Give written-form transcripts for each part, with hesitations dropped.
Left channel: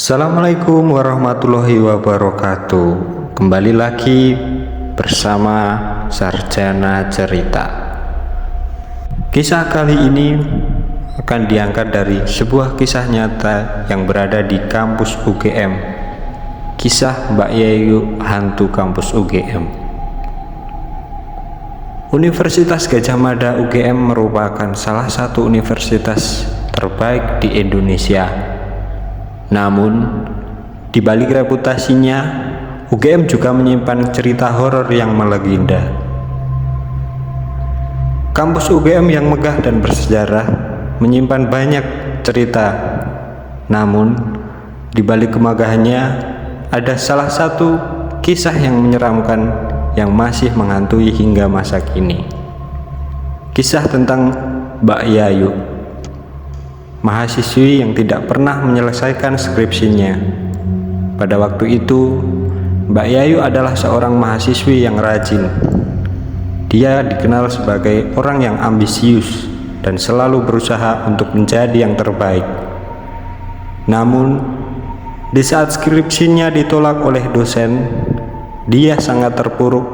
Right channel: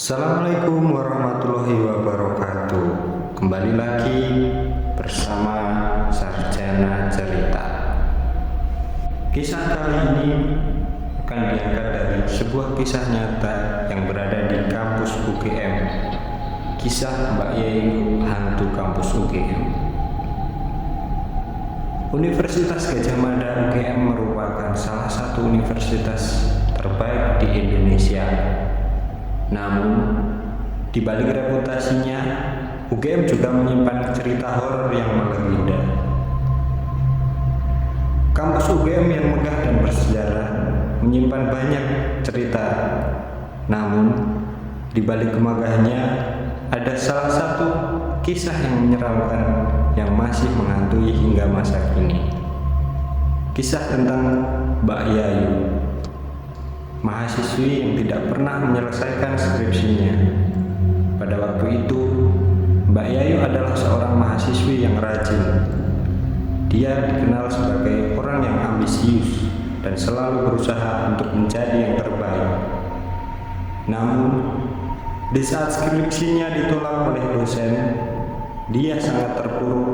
Assalamualaikum warahmatullahi wabarakatuh. Kembali lagi bersama Sarjana Cerita. Kisah kali ini akan diangkat dari sebuah kisah nyata yang berada di kampus UGM. Kisah Mbak Yayu hantu kampus UGM. Universitas Gadjah Mada UGM merupakan salah satu universitas terbaik di Indonesia. Namun, di balik reputasinya, UGM juga menyimpan cerita horor yang melegenda. Kampus UGM yang megah dan bersejarah menyimpan banyak cerita. Namun, di balik kemegahannya, ada salah satu kisah yang menyeramkan yang masih menghantui hingga masa kini. Kisah tentang Mbak Yayu, mahasiswi yang tidak pernah menyelesaikan skripsinya. Pada waktu itu, Mbak Yayu adalah seorang mahasiswi yang rajin. Dia dikenal sebagai orang yang ambisius dan selalu berusaha untuk menjadi yang terbaik. Namun, di saat skripsinya ditolak oleh dosen, dia sangat terpuruk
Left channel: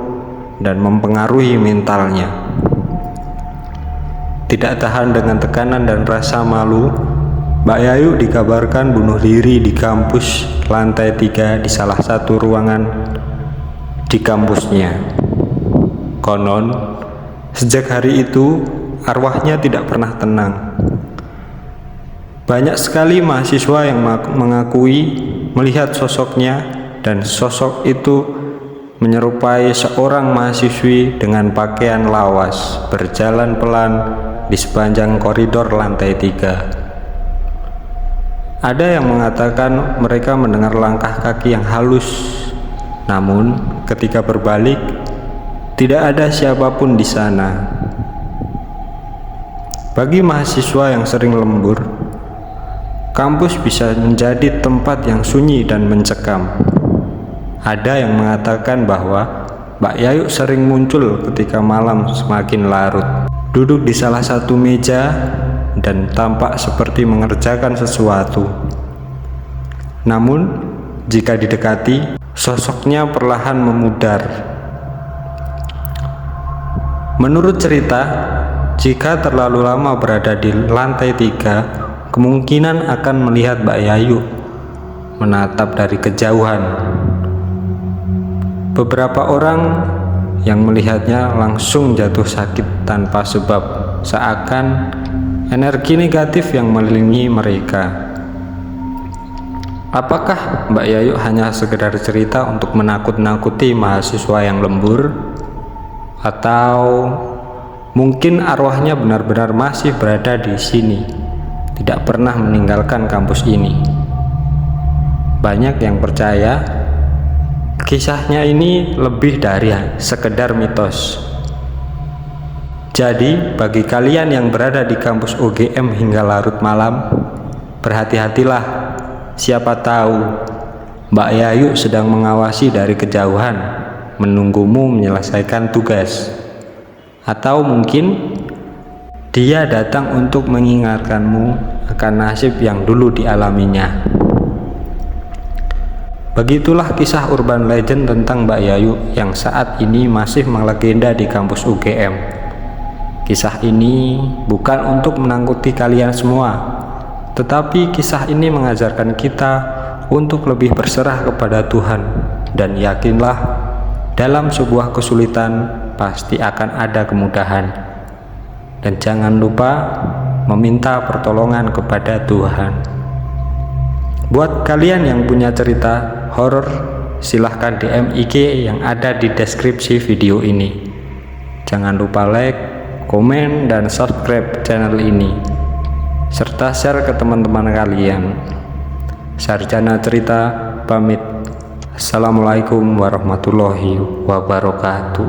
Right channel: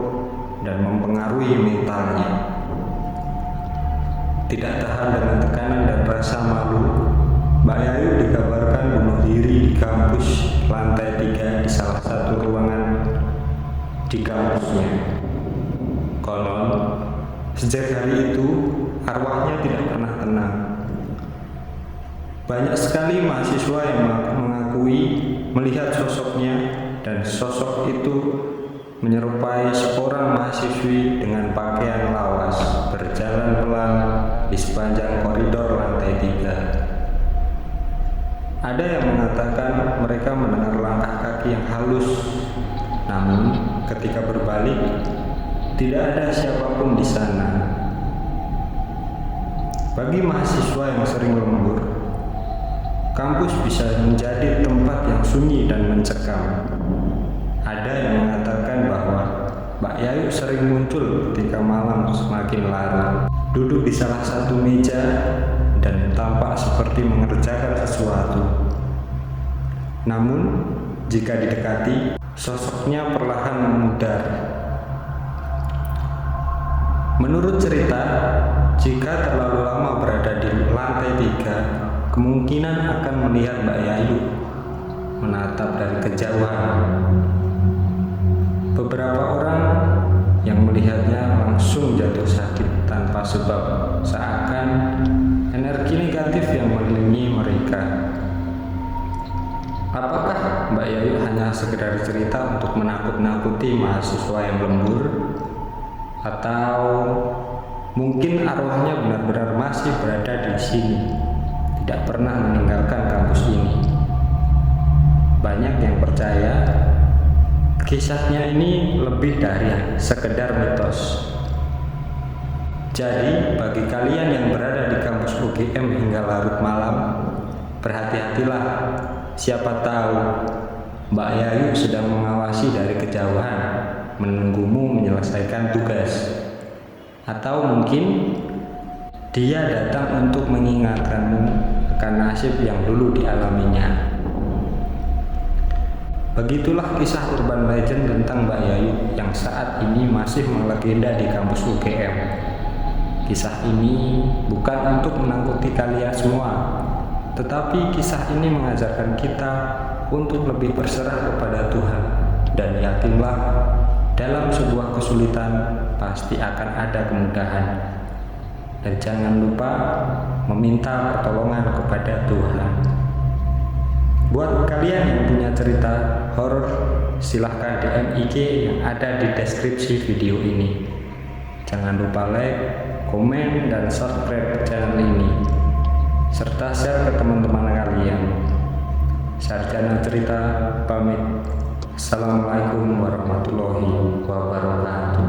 dan mempengaruhi mentalnya. Tidak tahan dengan tekanan dan rasa malu, Mbak Yayu dikabarkan bunuh diri di kampus lantai 3 di salah satu ruangan di kampusnya. Konon, sejak hari itu arwahnya tidak pernah tenang. Banyak sekali mahasiswa yang mengakui melihat sosoknya, dan sosok itu menyerupai seorang mahasiswi dengan pakaian lawas berjalan pelan di sepanjang koridor lantai 3. Ada yang mengatakan mereka mendengar langkah kaki yang halus, namun ketika berbalik tidak ada siapapun di sana. Bagi mahasiswa yang sering lembur, kampus bisa menjadi tempat yang sunyi dan mencekam. Ada yang mengatakan bahwa Mbak Yayu sering muncul ketika malam semakin larut, duduk di salah satu meja dan tampak seperti mengerjakan sesuatu. Namun, jika didekati, sosoknya perlahan memudar. Menurut cerita, jika terlalu lama berada di lantai 3, kemungkinan akan melihat Mbak Yayu menatap dari kejauhan. Beberapa orang yang melihatnya langsung jatuh sakit tanpa sebab, seakan energi negatif yang mengelilingi mereka. Apakah Mbak Yayu hanya sekedar cerita untuk menakut-nakuti mahasiswa yang lembur? Atau mungkin arwahnya benar-benar masih berada di sini, tidak pernah meninggalkan kampus ini? Banyak yang percaya kisahnya ini lebih dari sekedar mitos. Jadi, bagi kalian yang berada di kampus UGM hingga larut malam, berhati-hatilah. Siapa tahu Mbak Yayu sedang mengawasi dari kejauhan, menunggumu menyelesaikan tugas. Atau mungkin dia datang untuk mengingatkanmu akan nasib yang dulu dialaminya. Begitulah kisah urban legend tentang Mbak Yayu yang saat ini masih melegenda di kampus UGM. Kisah ini bukan untuk menangkuti kalian semua, tetapi kisah ini mengajarkan kita untuk lebih berserah kepada Tuhan, dan yakinlah dalam sebuah kesulitan pasti akan ada kemudahan. Dan jangan lupa meminta pertolongan kepada Tuhan. Buat kalian yang punya cerita horor, silahkan DM IG yang ada di deskripsi video ini. Jangan lupa like, komen, dan subscribe channel ini, serta share ke teman-teman kalian. Sarjana Cerita pamit. Assalamualaikum warahmatullahi wabarakatuh.